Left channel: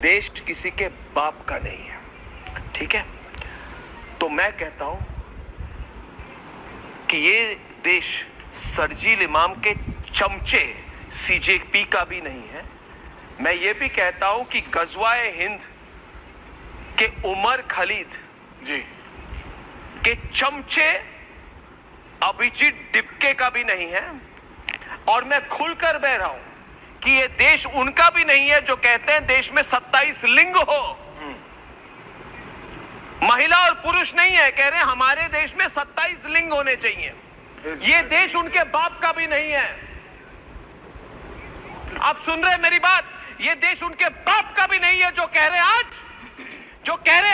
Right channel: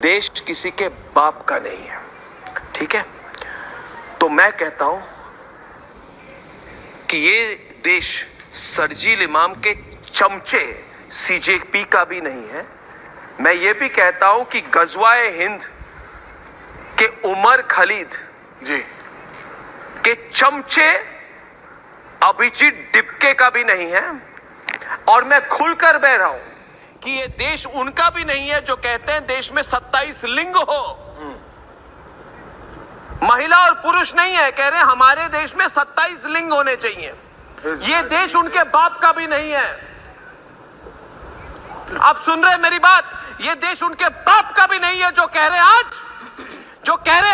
देश किसी के बाप का नहीं है, ठीक है। तो मैं कहता हूं कि ये देश शरजील इमाम के चमचे सीजेपी का भी नहीं है। मैं ये भी कहता हूं कि गजवाए हिंद के उमर खलीद जी के चमचे अभिजीत डिपके का भी नहीं है। और मैं खुलकर बह रहा हूं कि ये देश उनका भी नहीं है जो कहते हैं देश में 27 लिंग हो। महिला और पुरुष नहीं है, कह रहे हैं हमारे देश में 27 लिंग होने चाहिए। ये देश उनके बाप का भी नहीं है। आप सुन रहे हैं मेरी बात? ये देश उनके बाप का भी नहीं है जो कह रहे हैं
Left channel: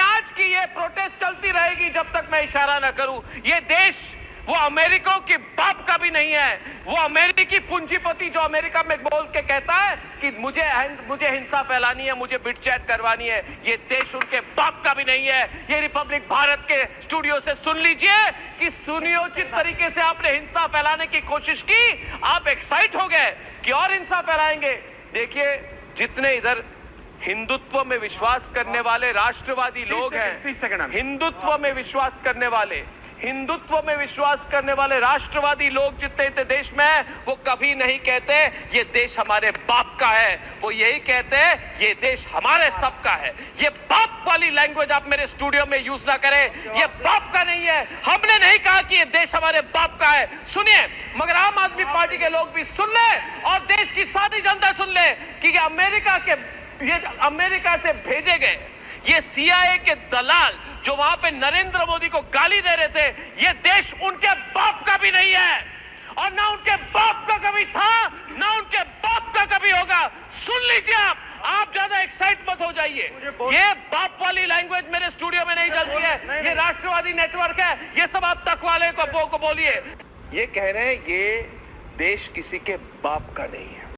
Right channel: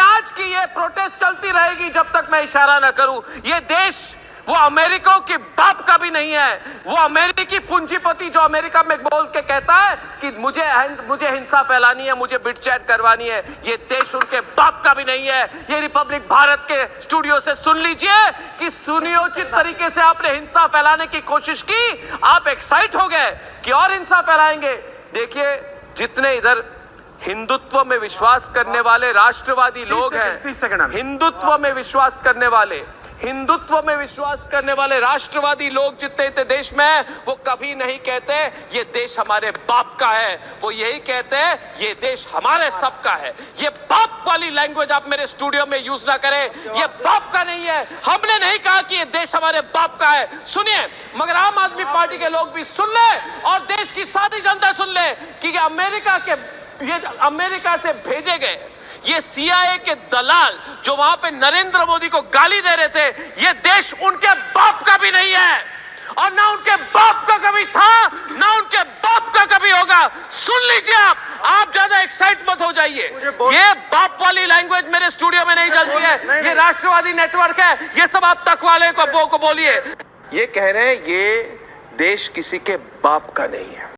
आज कि ये प्रोटेस्ट चलती रहेगी जब तक मैं इशारा ना करूं। ये देश वो अमेरिका के बाप का भी नहीं है। वो अमेरिकी पूंजीपति जो अमेरिका में बोल के कहता है कि मुझे हिंसा फैलानी है, मुझे बिटचैट करवानी है, ये देश उनके बाप का भी नहीं है। ये रिपब्लिक भारत के स्टूडियो से सुन लीजिए कि सुनियोजित तरीके से आपने हिंसा फैलाने की कोशिश की, आप एक्साइट हो गए कि और हिंसा फैलाएंगे। देखिए, जितने इधर हिंदुत्व में विश्वास करने वाले राष्ट्रवादी लोग हैं, हिंदुत्व में विश्वास करने वाले राष्ट्रवादी लोग जितने देश में है, वो कभी नहीं कहते ये देश हमारे बाप का है। वो यही कहते हैं ये देश हमारे सबका है। ये बाप वाली लैंग्वेज आप मेरे स्टूडियो में यूज ना करें। ये बाप का नहीं है। हमने नहीं कहा कि ये देश हमारे बाप का है। सुनिए, मगर आम आदमी पार्टी के लोग भी सुन ले और देश की सारी जनता सुन ले कि अमेरिका से भेजे गए ये सीआईए के दलाल जो वहां पे नरेंद्र मोदी को गाली दे रहे थे, ये देश उनके बाप का भी नहीं है और ना उनके बाप का कभी था, ना उनके बाप का कभी होगा। सुन लीजिए, आप ज्यादा एक्साइट मत हो जाइए। ये बाप वाली लैंग्वेज मेरे स्टूडियो में नहीं चलती है। ये राष्ट्रवादी नेटवर्क है, ये सब आप तक वाले को बोलिए। ये कह रहे हैं ये देश किसी के बाप का नहीं है।